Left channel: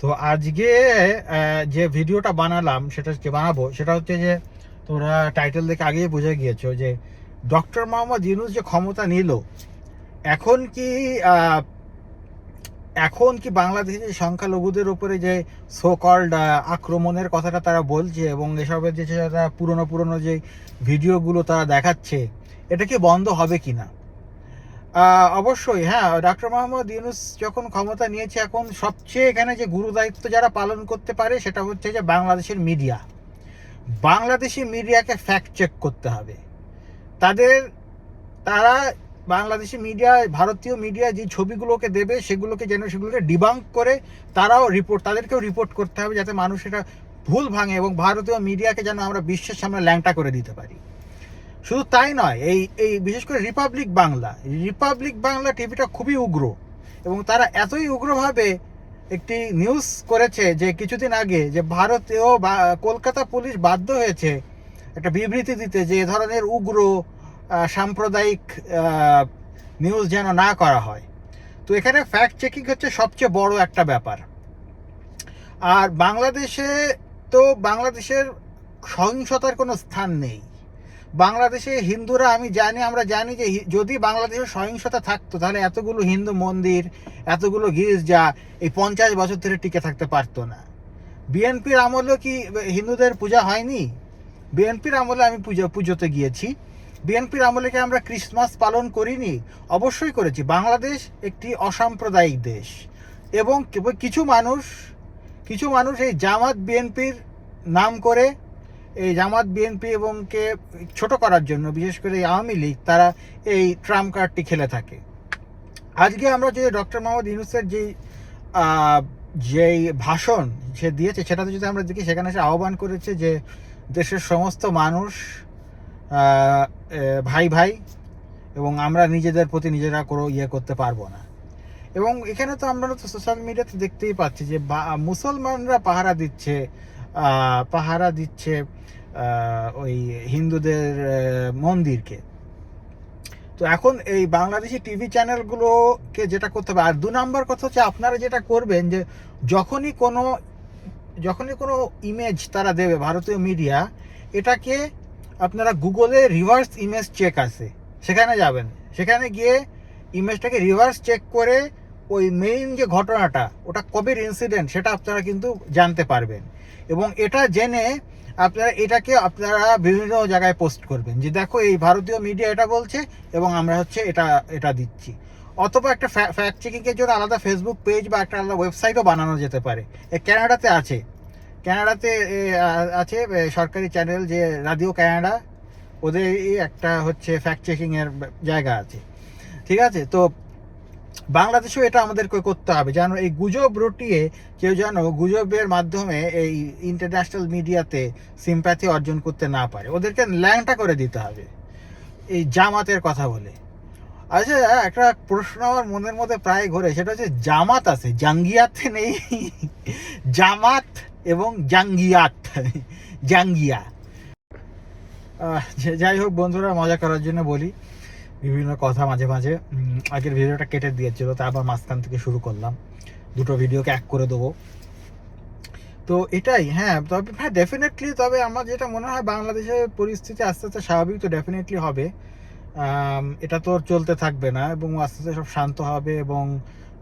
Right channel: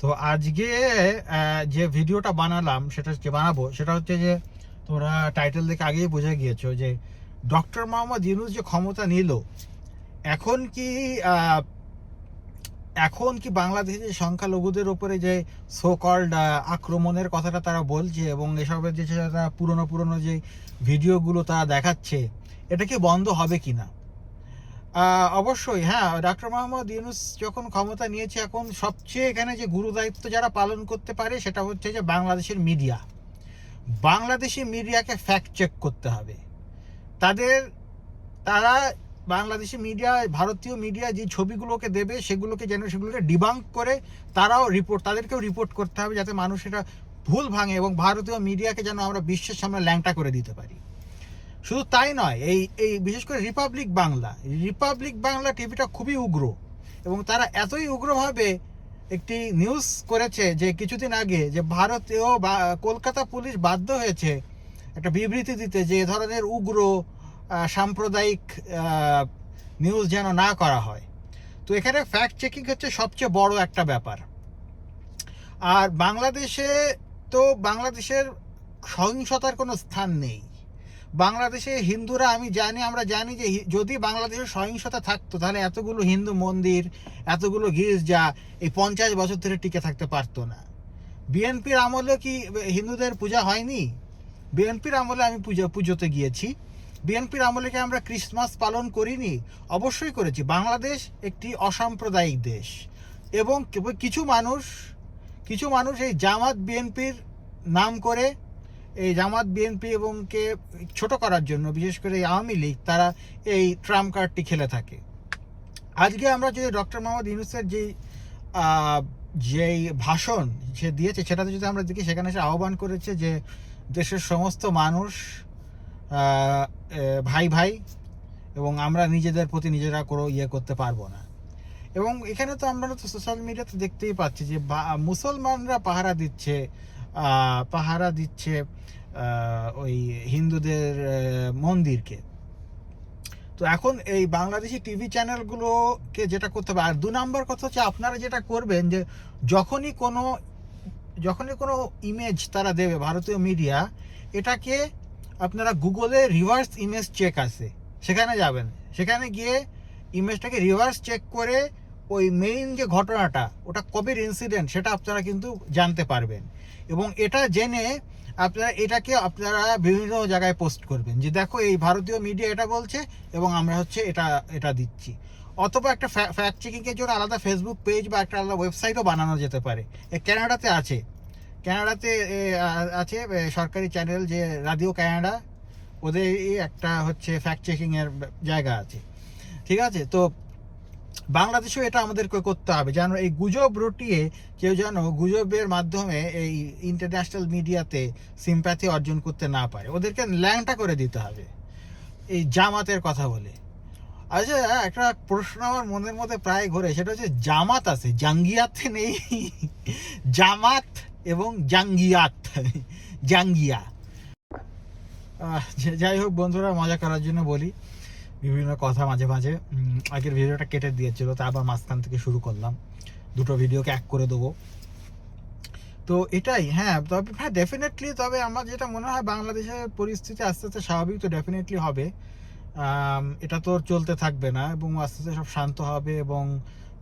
তো আজকে যে ভিডিওটা বানালাম সেটা যে বানাবো সেটা হচ্ছে যে তোমরা টাইটেল দেখে আগেই বুঝে গিয়েছো যে ডক্টর মোহাম্মদ ইউনুস যে ক্ষমতা নিল এখন কি এখন কি বাংলাদেশে যে সংখ্যালঘুদের উপরে যে সো কল্ড আক্রমণের কথাটা তারা বলছে এবং এসবের যে পুরনো পুরনো যে ভিডিওগুলো তারা দেখাচ্ছে এটা কি বন্ধ হবে কিনা? আহ, অবশ্যই হ্যাঁ ডক্টর মোহাম্মদ ইউনুস যখন ক্ষমতা নিয়েছে, এখন সবচেয়ে এখানে যে গুরু দায়িত্ব যারা পালন করতে পারে, সেটা হচ্ছে যে বাংলাদেশের মিডিয়া। বাংলাদেশি মিডিয়াকে ফ্যাক্ট চেক করতে হবে। তাদের, তারা বাংলাদেশি মিডিয়া, ভারতীয় মিডিয়া যে ছবিগুলোকে দেবে, সেগুলোকে যেন সেগুলোকে ডিবাঙ্ক করে, তারাও রিপোর্ট তাদেরকেও রিপোর্ট করতে হবে, যাতে মানুষ এটা ভুল ভাঙে এবং ভারতীয় মিডিয়াকে যেন আমরা বিশ্বের সামনে ল্যাংটা করে দিতে পারি। শুধু তাই নয়, এই এই বিশেষ করে রিপাবলিক বাংলা রিপাবলিক বাংলা টিভিটা খুবই উগ্র এবং তারা এতই উগ্রভাবে একটি নিউজ করেছে যে কিছুদিন আগে যে ভারতীয় বা, কলকাতা পুলিশ বাধ্য হয়েছে একটা বিবৃতি দিতে যে এ ধরনের উগ্র সাম্প্রদায়িক নিউজ যেন না করা হয়। তো এখানে ফ্যাক্ট চেকিং হচ্ছে সবচেয়ে বড় একটা ব্যাপার। আর বাংলাদেশে তো বাংলাদেশের সহিংসতার কোনো স্থান নেই। বাংলাদেশে হিন্দুরা, আমি জানি, আমরা জানি যে যদি বাংলাদেশে সহিংসতা থাকতো, তাহলে এতগুলো হিন্দু মন্দির, এতগুলো গির্জা এই পঞ্চাশ বছর ধরে টিকে থাকতে পারতো না। বিএনপির আমলেও কি হিন্দুদের পূজা হয়নি? বিএনপির আমলে আমি পুজো, পুজোতে গিয়েছি। বিএনপির আমলে কি আমরা ক্রিসমাস পালন করিনি? অবশ্যই করেছি। বাংলাদেশ একটি অসাম্প্রদায়িক দেশ এবং কিছু মানুষ কিছু মানুষ এই জামাত বিএনপির নাম করে এই জামাত, বিএনপি এবং কে ছোট করার জন্য, বিশেষ করে এই আওয়ামী লীগ, তারা এই ট্রাম্প কার্ডটি খেলে থাকে। আজকে আমরা যদি ডক্টর মোহাম্মদ ইউনুসের যে যেই ভাষণ সে দিয়েছে, সেটাতে যদি আমরা দেখি, সেখানে সে আহ্বান করেছে যে দেশের সমস্ত মানুষ ভাই ভাই, এবং আমরা নিজেদের প্রতি নিজেরা কোনো ইয়ে করতে পারব না। এবং এখানে তো আমরা তো সোশ্যাল মিডিয়াতে দেখতেই পাচ্ছি যে মুসলমানরা পাহারা দিচ্ছে পাহারা দিচ্ছে ওই হিন্দুদের মন্দিরকে। তো এখন এই বাংলাদেশি টিভি চ্যানেলগুলোকে যেটা করতে হবে, আর দু নম্বর কথা হচ্ছে আপনারা যেটা করবেন যে, যখনই কোনো যখনই কোনো ইমেজ তারা দেবে, ভারতীয় মিডিয়া এটাকে আপনারা গুগলে রিভার্স ইমেজ চেক আছে। সেখানে যাবেন। সেখানে গিয়ে ইমেজটাকে রিভার্স চেক করে ওই মেইন যে ঘটনাটা, ওটা কবের ইনসিডেন্ট সেটা আপনারা কিন্তু জানতে পারবেন। এবং এটা জেনে আপনারা, এটাকে আপনারা বিভিন্ন জায়গায় পোস্ট করবেন। যে দেখো এই ভারতীয় মিডিয়া এটা বলছে এবং আমরা হচ্ছে এটা এটা দিচ্ছি। অথবা একটা ফ্যাক্ট চেকিংয়ের জন্য আলাদা ফেসবুক পেজ বা একটা আলাদা ওয়েবসাইটও বানানো যেতে পারে। ক্যানাডাতে আছে। ক্যানাডাতে আছে সরকারি চ্যানেল যে রাডিও ক্যানাডা ওদের একটা হচ্ছে ফ্যাক্ট চেকিংয়ের জায়গা আছে। ঠিক আছে? তো বাংলাদেশেও এটা আমাদেরকে করতে হবে। যেন এই গুজব রটিয়ে কেউ যেন গুজবের মাধ্যমে এই ইন্টারন্যাশনাল মিডিয়াতে সিম্প্যাথি অর্জন করতে না পারে। ওদেরকে ল্যাংটা করে দিতে হবে। এই জামাতের কথা বলে। আচ্ছা একটা প্রশ্ন আমার মনের মধ্যে প্রায় ঘোরে, সেটা হচ্ছে জামাত আছে, জাঙ্গিয়াতে নেই। জামাত এবং জাঙ্গিয়াত, জাঙ্গিয়া। যাই হোক বন্ধুরা, মজা করার জন্য বলি। বিভিন্ন কথা মাঝে মাঝে আগের ভিডিওটা কেটে দিয়েছিল তা আবার মাঝখান থেকে শুরু করলাম। দুটো ভিডিওকে এক করে দেবো। তো এটাই হ্যাঁ তবে হ্যাঁ ডেফিনেটলি তবে আমার যেটা মনে হয় বাংলাদেশের পরিস্থিতি আস্তে আস্তে স্বাভাবিক তো ডেফিনেটলি হবে। এটা তো চলতে থাকবে না এবং আস্তে আস্তে সব শান্ত হবে এবং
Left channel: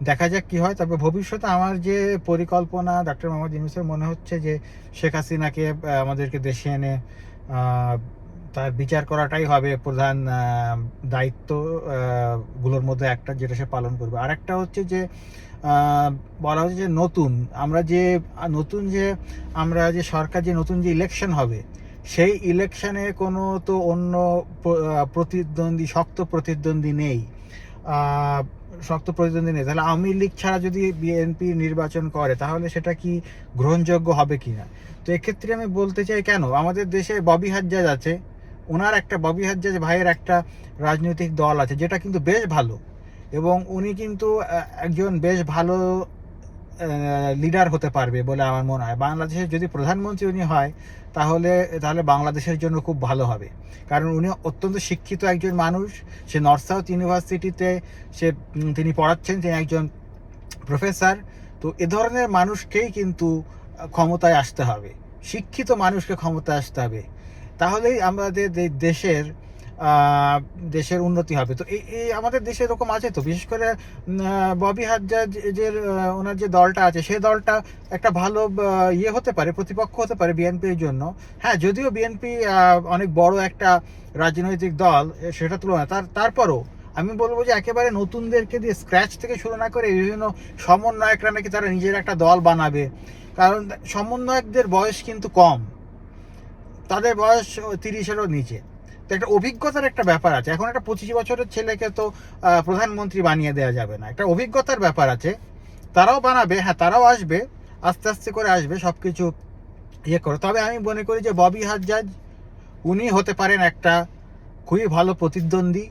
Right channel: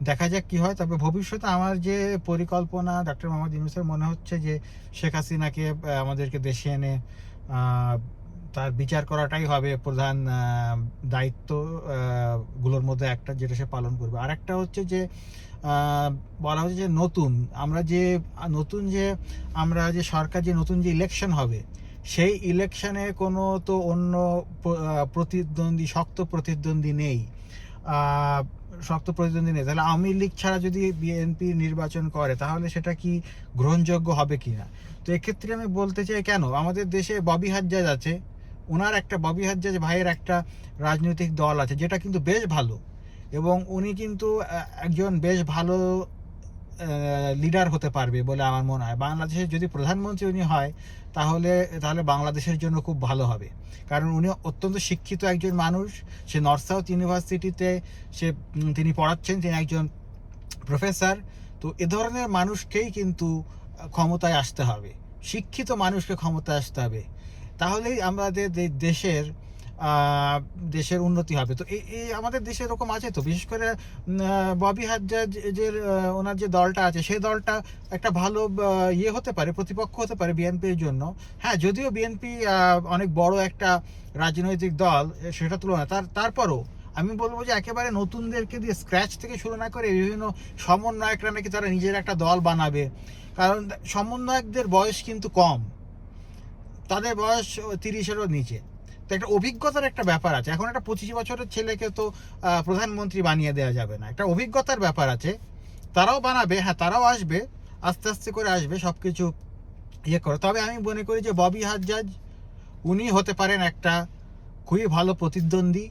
দেখা যাক কি হয়। তবে ভবিষ্যতে আমার যে পরিকল্পনা ডক্টর মোহাম্মদ ইউনুসের মনে হচ্ছে যে শেখ হাসিনাকে আমাদেরকে দেশে এনে তার বিচার করাটাই হবে প্রধান দায়িত্বগুলোর মধ্যে একটা যেটা সে পালন করবে। আর একটা হচ্ছে যে বলা হচ্ছে যে নতুন, আমরা যে, নতুন যে, আমরা যে সরকার যে নতুন যে ইলেকশন হবে, সেই ইলেকশনে কোনো তো অন্য প্রতিদ্বন্দ্বী, শক্ত প্রতিদ্বন্দ্বী নেই। শক্ত প্রতিদ্বন্দ্বী নেই। তাহলে আওয়ামী লীগ ছাড়া যদি বিএনপি নির্বাচন করে, তাহলে সেটা কি গ্রহণযোগ্য হবে কিনা? তো এক্ষেত্রে আমি বলতে চাই, কেন? আমাদের দেশে ববি হাজ্জাজ আছে ওনার একটা ববি হাজ্জাজ ভাইয়ের একটা রাজনৈতিক দল আছে, যেটা কিন্তু বেশ ভালো। এবং উনি কিন্তু একজন বেশ ভালো লিডার হতে পারবে বলে আমার মনে হয়। বাংলাদেশের যদি প্রধানমন্ত্রী উনি হয়, তাহলে তাহলে বাংলাদেশের জন্য খুব ভালো হবে। কারণ উনি অত্যন্ত শিক্ষিত একজন মানুষ। সে নর্থ সাউথ ইউনিভার্সিটিতে সে তিনি পড়াচ্ছেন, তিনি একজন প্রফেসর তো এ ধরনের মানুষকেই কিন্তু ক্ষমতায় আসতে হবে। শিক্ষিত মানুষকে ক্ষমতায় আসতে হবে। তাহলেই আমাদের দেশের দেশের উন্নতি হবে। তো এই আমাদের দেশে এরকম আছে তো? বিশেষ করে ববি হাজ্জাজ যে ওনার যে দলটা আছে সেই দলটা একটা ভালো ইয়ে হতে পারে, প্রতিপক্ষ হতে পারে বিএনপির জন্য। হ্যাঁ যদিও বিএনপি অনেক বড় একটা রাজনৈতিক দল সেটা তুলনা তার, তারপরও আমি বলব যে একেবারে নতুনদেরকে দিয়ে স্ক্র্যাচ থেকে শুরু না করে বিভিন্ন সমন্বয়করা নাকি তারা নিজের একটা দল বানাবে। কারণ সমন্বয়কদের বয়স কিন্তু কম। তাদের বয়স তিরিশেরও নিচে। তো একটা অভিজ্ঞতার একটা ব্যাপার আছে। এখন একটা পঁচিশ বছরের ছেলেকে তো প্রধানমন্ত্রী বানিয়ে দেওয়া যাবে না। একটা অভিজ্ঞতার ব্যাপার আছে। তারাও বানাবে হ্যাঁ তারাও আসবে, আস্তে আস্তে করে আসবে সব কিছু ইয়ে করে। তবে আমি মনে করি যে ববি হাজ্জাজ, উনি হতে পারেন একটা খুবই ভালো প্রতিদ্বন্দ্বী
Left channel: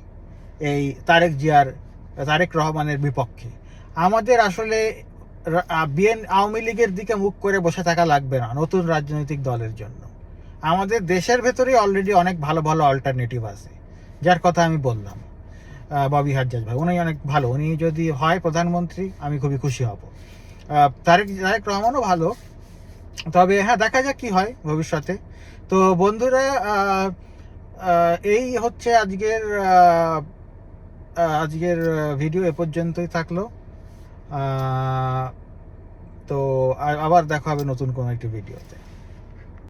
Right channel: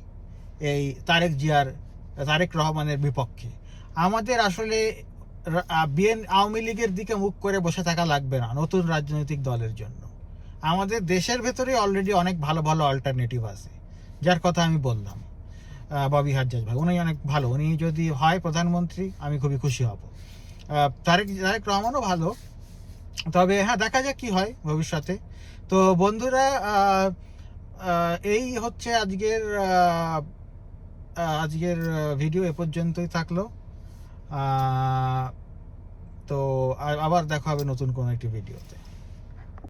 এই তারেক জিয়ার, তারেক রহমানের বিপক্ষে। আমাদের আসলে বিএন আওয়ামী লীগের দিকে মুখ করে বসে থাকা লাগবে না নতুন রাজনৈতিক দলের জন্য। আমাদের দেশের ভেতরেই অলরেডি অনেক ভালো ভালো অল্টারনেটিভ আছে। যার কথা আমি বললাম ববি হাজ্জাজ ভাই। উনি অনেক ভালো। উনি যদি হয় প্রধানমন্ত্রী, আমি খুবই খুশি হব। তারেক তারেক রহমানও ভালো। তবে হ্যাঁ দেখা যাক কি হয় ভবিষ্যতে। তো বন্ধুরা এই হচ্ছে আজকের আজকের ভিডিও এ পর্যন্তই থাকল। তো আবার দেখা হবে নতুন কোনো একটি ভিডিওতে